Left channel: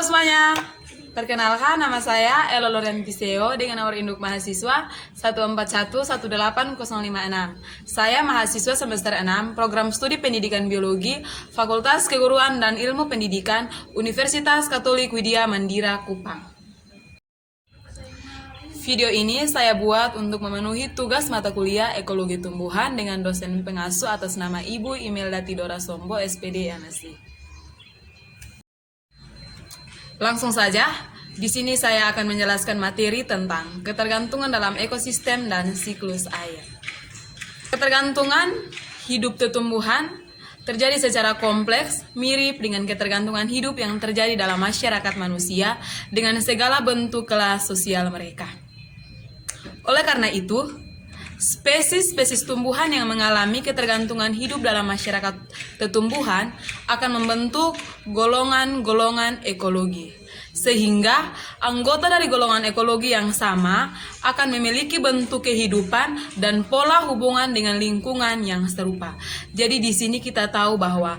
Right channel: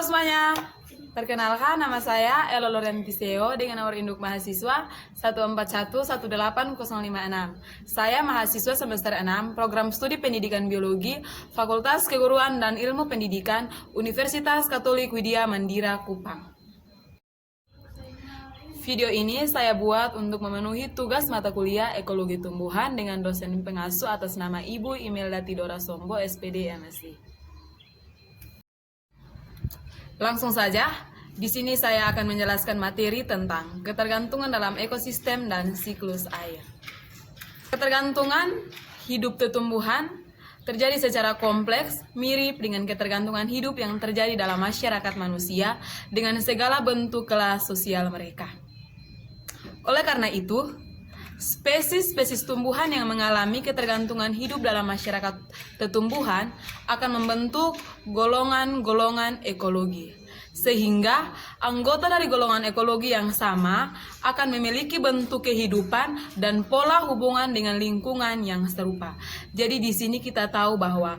Halo semuanya, perkenalkan nama saya Elo Lorentiseo dengan nomor induk mahasiswa 141181056. Saya mahasiswa semester 6 Program Studi Pendidikan Biologi Fakultas Keguruan dan Ilmu Pendidikan Universitas Katolik Widya Mandira Kupang. Video ini saya buat untuk memenuhi tugas mata kuliah Ekologi Tumbuhan dengan dosen pengasuh atas nama Ibu Imelda Tidora Sombo, SPD MSc. Langsung saja, di sini saya akan menjelaskan materi tentang ketergantungan dalam ekosistem dan siklus air. Ketergantungan hidup tumbuhan terjadi secara kompleks, mirip dengan ketergantungan hidup yang terjadi dalam masyarakat manusia dengan segala bentuk kelas sosial mereka. Oleh karena itu, spesies-spesies tumbuhan yang mengalami ketergantungan hidup dalam masyarakat tumbuhan akan membentuk golongan-golongan ekologi. Sehingga anggota dari golongan ekologi yang sama akan memiliki bentuk kehidupan dan pola hubungan dengan lingkungan yang serupa. Jadi di sini kita tahu bahwa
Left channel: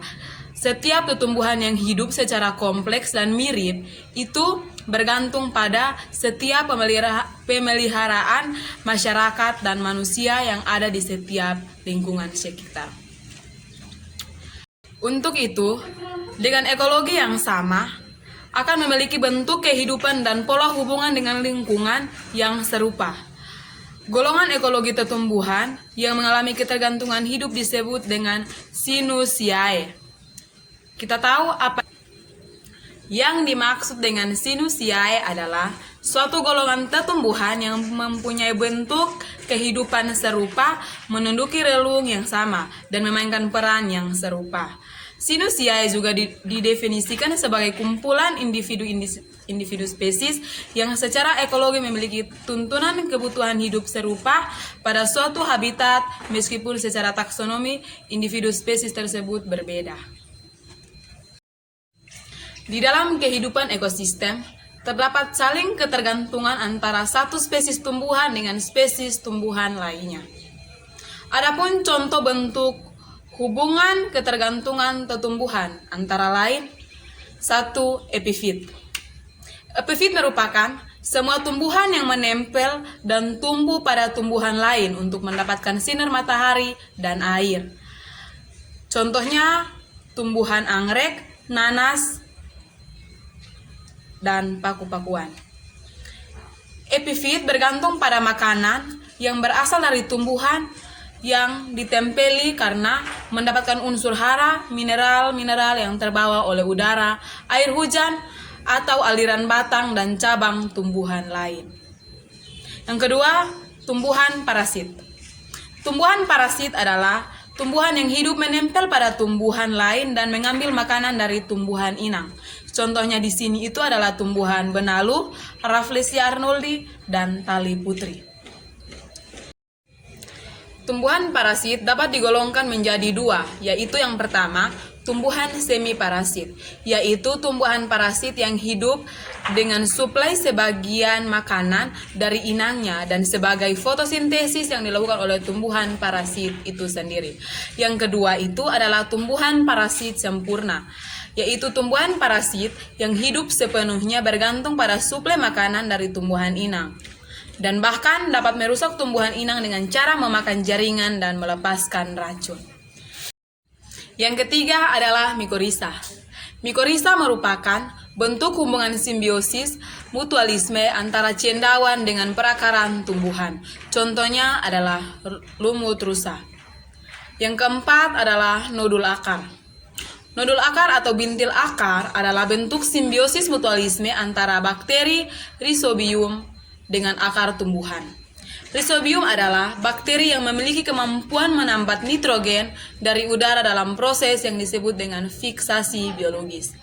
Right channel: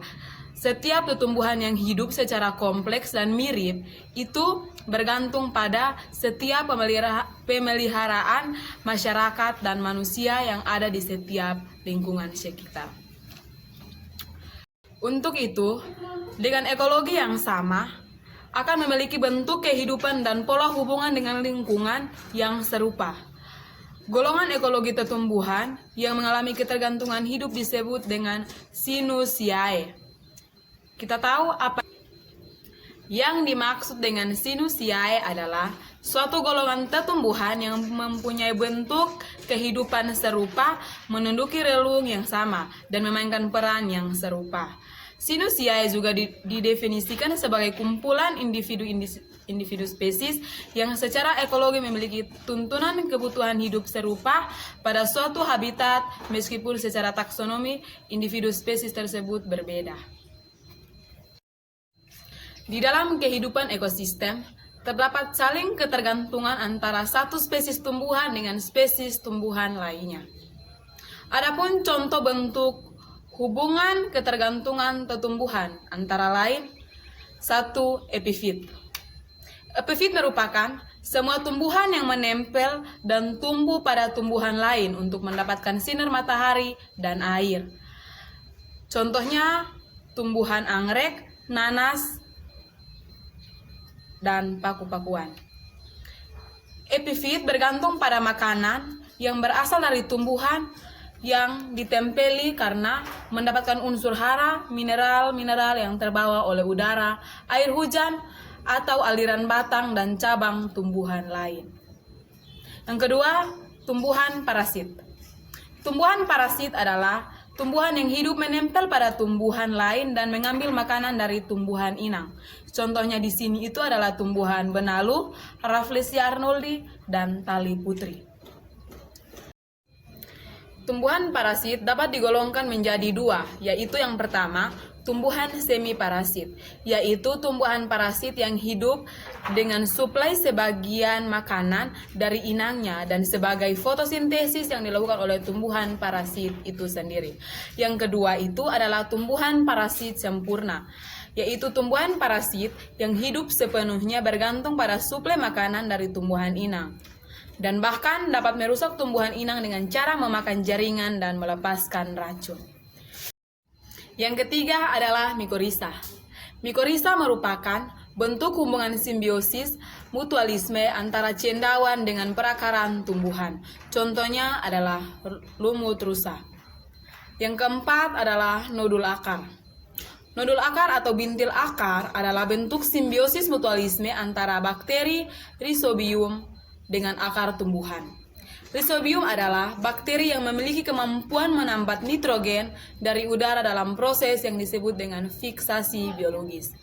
setiap tumbuhan yang hidup secara kompleks dan mirip itu bergantung pada setiap pemeliharaan masyarakat dan manusia yang ada di setiap lingkungan sekitar. Untuk itu, dengan ekologi yang sama, akan memiliki bentuk kehidupan dan pola hubungan dengan lingkungan yang serupa. Golongan ekologi tumbuhan yang mengalami ketergantungan hidup disebut dengan Sinusiae. Kita tahu apa yang dimaksud dengan Sinusiae adalah suatu golongan tumbuhan yang mempunyai bentuk kehidupan serupa, menduduki relung yang sama, dan memainkan peran yang serupa. Sinusiae juga didefinisikan sebagai kumpulan individu spesies yang secara ekologi memiliki tuntunan kebutuhan hidup serupa pada suatu habitat meskipun secara taksonomi individu spesies tersebut berbeda. Di dalam kehidupan ekosistem, terdapat saling ketergantungan antara satu spesies tumbuhan dengan spesies tumbuhan lainnya. Adapun contoh bentuk hubungan ketergantungan tumbuhan antara lain, 1. Epifit. Epifit merupakan semua tumbuhan yang menempel dan tumbuh pada tumbuhan lain untuk mendapatkan sinar matahari dan air. Contohnya tumbuhan anggrek, nanas, dan paku-pakuan. Epifit bergantung pada makanan yang berasal dari tumbuhan yang ditempeli karena mendapatkan unsur hara, mineral-mineral yang terbawa oleh udara, air hujan, atau aliran batang dan cabang tumbuhan lain. Yang kedua, tumbuhan parasit. Tumbuhan parasit adalah tumbuhan yang hidup menempel pada tumbuhan lain dan mengambil makanan dari tumbuhan inang. Contohnya di sini itu adalah tumbuhan benalu, Rafflesia arnoldi, dan tali putri. Tumbuhan parasit dapat digolongkan menjadi dua, yaitu yang pertama, tumbuhan semi parasit, yaitu tumbuhan parasit yang hidup dengan suplai sebagian makanan dari inangnya dan sebagai fotosintesis yang dilakukan oleh tumbuhan parasit itu sendiri. Yang kedua itu adalah tumbuhan parasit sempurna, yaitu tumbuhan parasit yang hidup sepenuhnya bergantung pada suplai makanan dari tumbuhan inang dan bahkan dapat merusak tumbuhan inang dengan cara memakan jaringan dan melepaskan racun. Yang ketiga adalah mikorizа. Mikorizа merupakan bentuk hubungan simbiosis mutualisme antara cendawan dengan perakaran tumbuhan. Contohnya adalah lumut rusa. Yang keempat adalah nodul akar. Nodul akar atau bintil akar adalah bentuk simbiosis mutualisme antara bakteri Rhizobium dengan akar tumbuhan. Rhizobium adalah bakteri yang memiliki kemampuan menambat nitrogen dari udara dalam proses yang disebut dengan fiksasi biologis.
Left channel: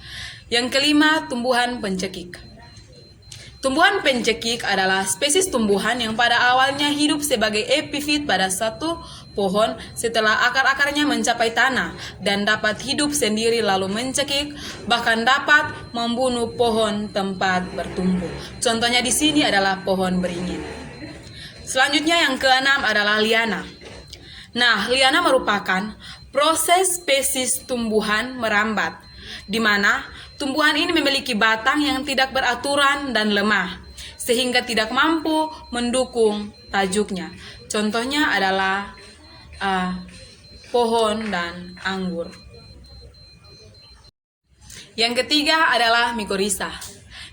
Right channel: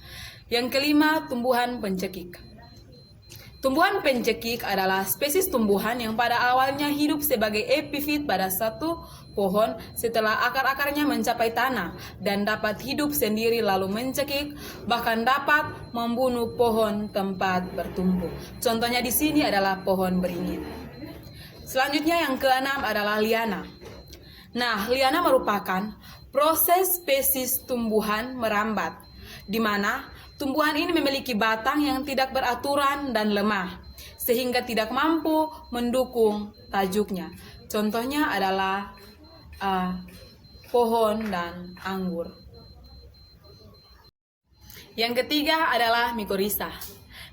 Yang kelima, tumbuhan pencekik. Tumbuhan pencekik adalah spesies tumbuhan yang pada awalnya hidup sebagai epifit pada satu pohon setelah akar-akarnya mencapai tanah dan dapat hidup sendiri lalu mencekik, bahkan dapat membunuh pohon tempat bertumbuh. Contohnya di sini adalah pohon beringin. Selanjutnya yang keenam adalah liana. Nah, liana merupakan proses spesies tumbuhan merambat di mana tumbuhan ini memiliki batang yang tidak beraturan dan lemah, sehingga tidak mampu mendukung tajuknya. Contohnya adalah pohon dan anggur. Yang ketiga adalah mikorizа.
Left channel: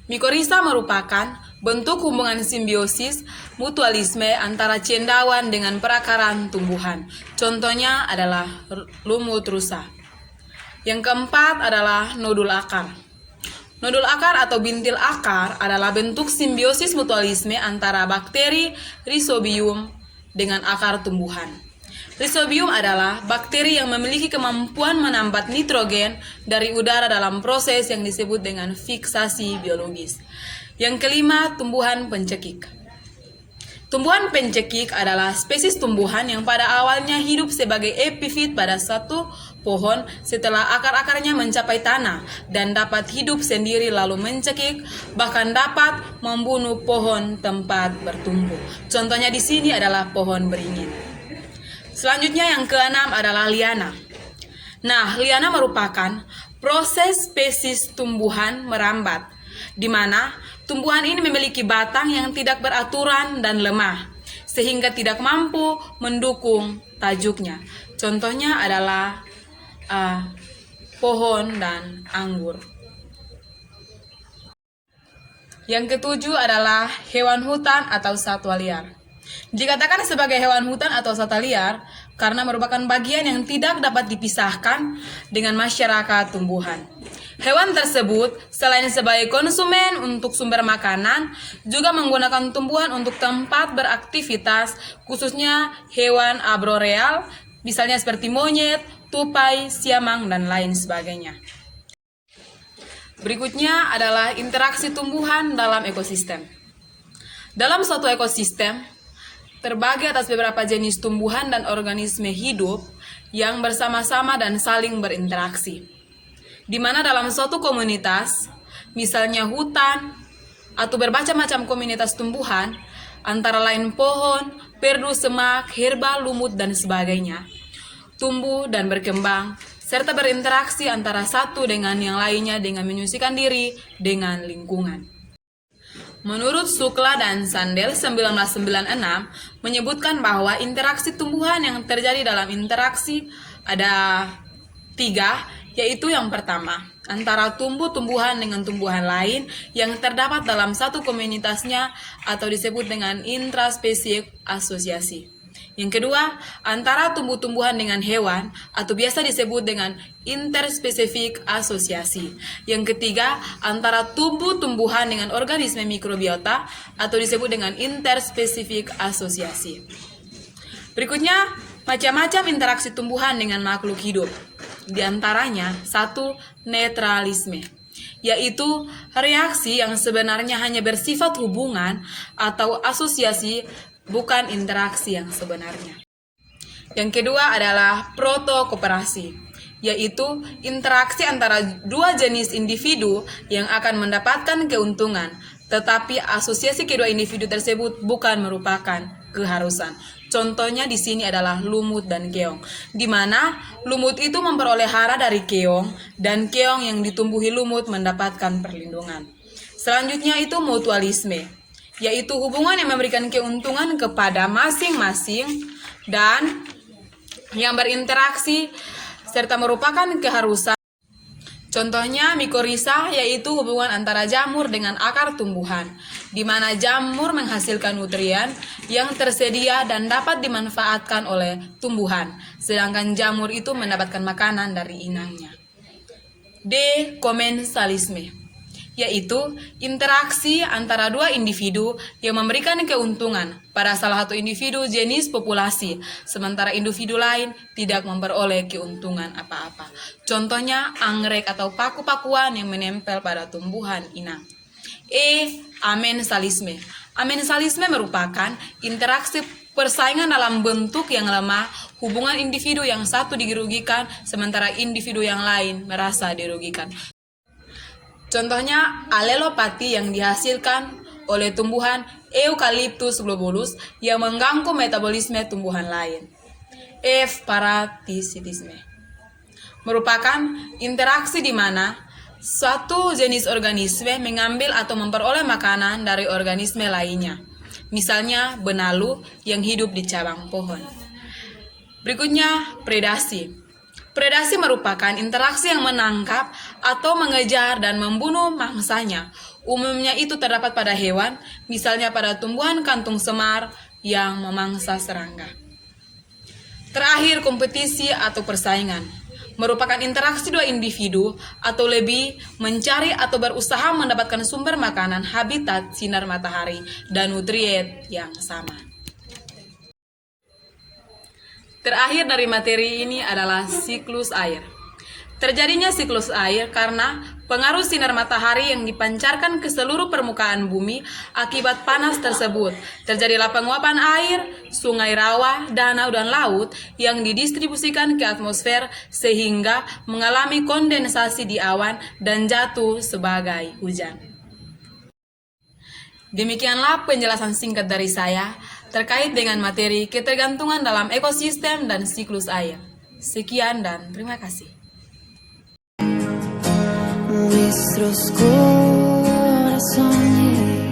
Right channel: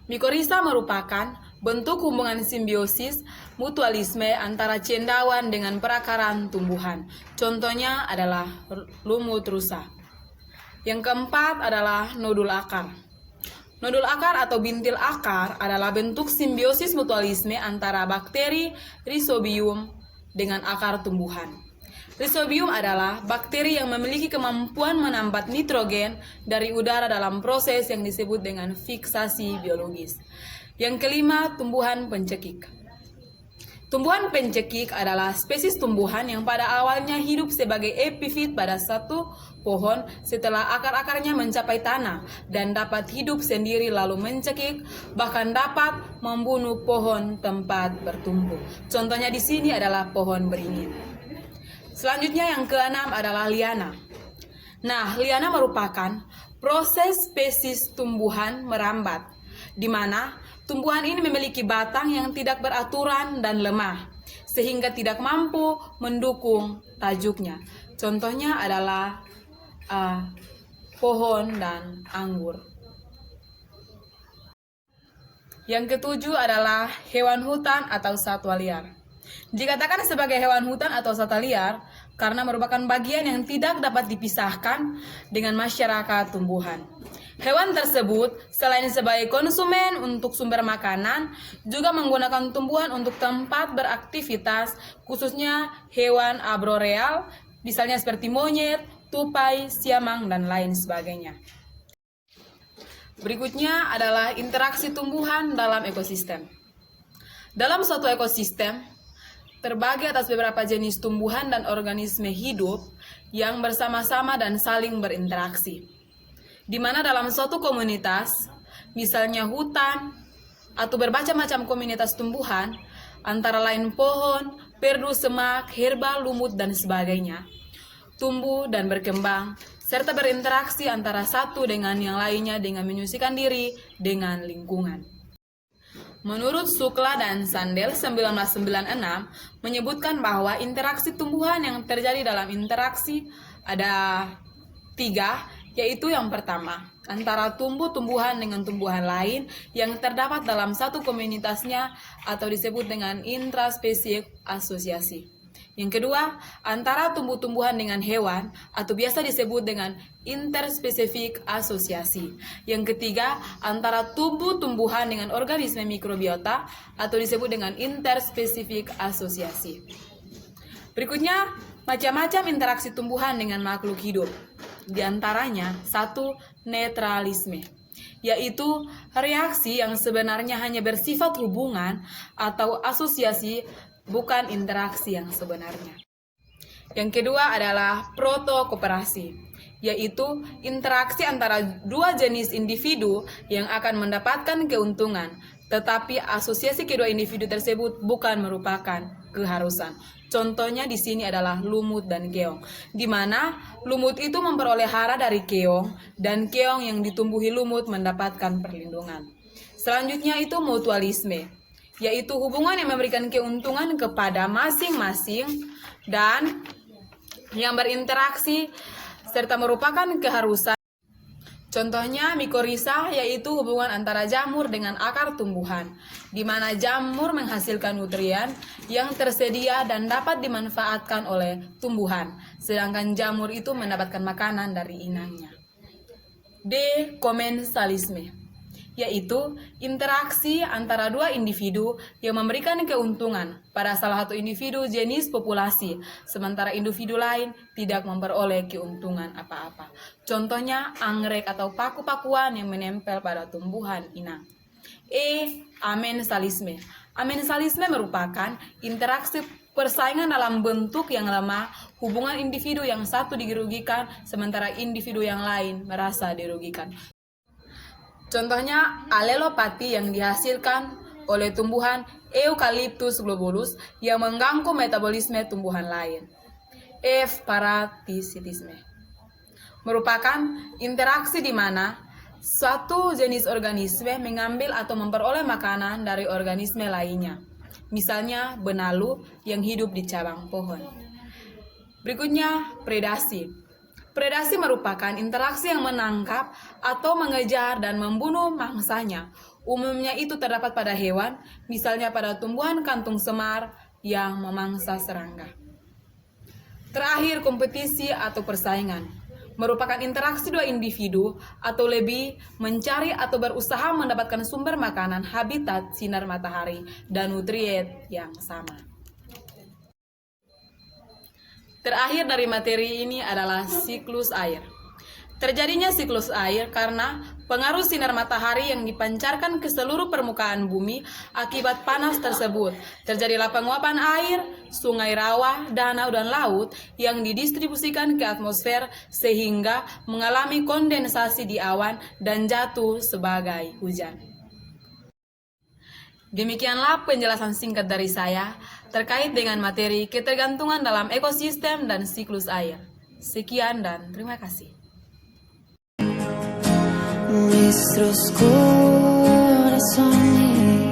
Mikorizа merupakan bentuk hubungan simbiosis mutualisme antara cendawan dengan perakaran tumbuhan. Contohnya adalah lumut rusa. Yang keempat adalah nodul akar. Nodul akar atau bintil akar adalah bentuk simbiosis mutualisme antara bakteri Rhizobium dengan akar tumbuhan. Rhizobium adalah bakteri yang memiliki kemampuan menambat nitrogen dari udara dalam proses yang disebut dengan fiksasi biologis. Yang kelima, tumbuhan pencekik. Tumbuhan pencekik adalah spesies tumbuhan yang pada awalnya hidup sebagai epifit pada satu pohon setelah akar-akarnya mencapai tanah dan dapat hidup sendiri lalu mencekik, bahkan dapat membunuh pohon tempat bertumbuh. Contohnya di sini adalah pohon beringin. Selanjutnya yang keenam adalah liana. Nah, liana merupakan proses spesies tumbuhan merambat, di mana tumbuhan ini memiliki batang yang tidak beraturan dan lemah, sehingga tidak mampu mendukung tajuknya. Contohnya adalah pohon dan anggur. Yang ketujuh adalah hewan hutan atau satwa liar. Dikatakan sebagai hewan hutan atau satwa liar karena merupakan bagian yang tidak dapat dipisahkan dengan masyarakat tumbuhan. Hewan tersebut selain sebagai konsumen untuk sumber makanan, juga menggunakan tumbuhan untuk tempat beraktivitas, khususnya hewan arboreal, misalnya seperti monyet, tupai, siamang, dan lain sebagainya. Berikutnya adalah interaksi tumbuhan dalam ekosistem. Dalam suatu ekosistem, terbagi atas beberapa jenis tumbuhan dan organisme hidup yang bersama-sama dan saling berinteraksi. Di mana dalam suatu komunitas, misalnya hutan atau bermacam-macam komunitas tumbuhan, antara lain pohon, perdu, semak, herba, lumut, dan sebagainya, tumbuh dan berkembang, serta berinteraksi antara satu dengan yang lainnya dengan menyesuaikan diri dengan lingkungan. Menurut Shukla dan Sandel 1996 menyebutkan bahwa interaksi tumbuhan yang terjadi dalam interaksi ada 3, yaitu yang pertama, antara tumbuh-tumbuhan dengan tumbuhan lain yang terdapat dalam satu komunitasnya atau disebut dengan intraspesies asosiasi. Yang kedua, antara tumbuh-tumbuhan dengan hewan atau biasa disebut dengan interspesifik asosiasi. Yang ketiga, antara tumbuh-tumbuhan dengan organisme mikrobiota atau disebut dengan interspesifik asosiasi. Berikutnya, macam-macam interaksi tumbuhan dengan makhluk hidup. Di antaranya, 1. Netralisme, yaitu reaksi yang sebenarnya hanya bersifat hubungan atau asosiasi, bukan interaksi yang sebenarnya. Yang kedua adalah protokooperasi, yaitu interaksi antara dua jenis individu yang akan mendapatkan keuntungan, tetapi asosiasi kedua individu tersebut bukan merupakan keharusan. Contohnya di sini adalah lumut dan keong, di mana lumut itu memperoleh hara dari keong dan keong yang ditumbuhi lumut mendapatkan perlindungan. Selanjutnya itu mutualisme, yaitu hubungan yang memberikan keuntungan kepada masing-masing dan yang berinteraksi serta merupakan keharusan. Contohnya mikorizа, yaitu hubungan antara jamur dengan akar tumbuhan, di mana jamur menghasilkan nutrien yang tersedia dan dapat dimanfaatkan oleh tumbuhan, sedangkan jamur itu mendapatkan makanan dari inangnya. D. Komensalisme, yaitu interaksi antara dua individu yang memberikan keuntungan pada salah satu individu jenis populasi, sementara individu lain tidak memperoleh keuntungan apa-apa. Contohnya anggrek atau paku-pakuan yang menempel pada tumbuhan inang. E. Amensalisme. Amensalisme merupakan interaksi persaingan dalam bentuk yang lemah, hubungan individu yang satu dirugikan sementara individu yang lain merasa dirugikan. Contohnya alelopati yang dihasilkan oleh tumbuhan Eucalyptus globulus yang mengganggu metabolisme tumbuhan lain. F. Parasitisme. merupakan interaksi di mana suatu jenis organisme mengambil atau memperoleh makanan dari organisme lainnya. Misalnya benalu yang hidup di cabang pohon. Berikutnya, predasi. Predasi merupakan interaksi yang menangkap atau mengejar dan membunuh mangsanya. Umumnya itu terdapat pada hewan, misalnya pada tumbuhan kantung semar yang memangsa serangga. Terakhir, kompetisi atau persaingan merupakan interaksi dua individu atau lebih mencari atau berusaha mendapatkan sumber makanan, habitat, sinar matahari, dan nutrien yang sama. Terakhir dari materi ini adalah siklus air. Terjadinya siklus air karena pengaruh sinar matahari yang dipancarkan ke seluruh permukaan bumi akibat panas tersebut. Terjadilah penguapan air, sungai, rawa, danau, dan laut yang didistribusikan ke atmosfer sehingga mengalami kondensasi di awan dan jatuh sebagai hujan. Demikianlah penjelasan singkat dari saya terkait dengan materi ketergantungan dalam ekosistem dan siklus air. Sekian dan terima kasih. Nuestros corazones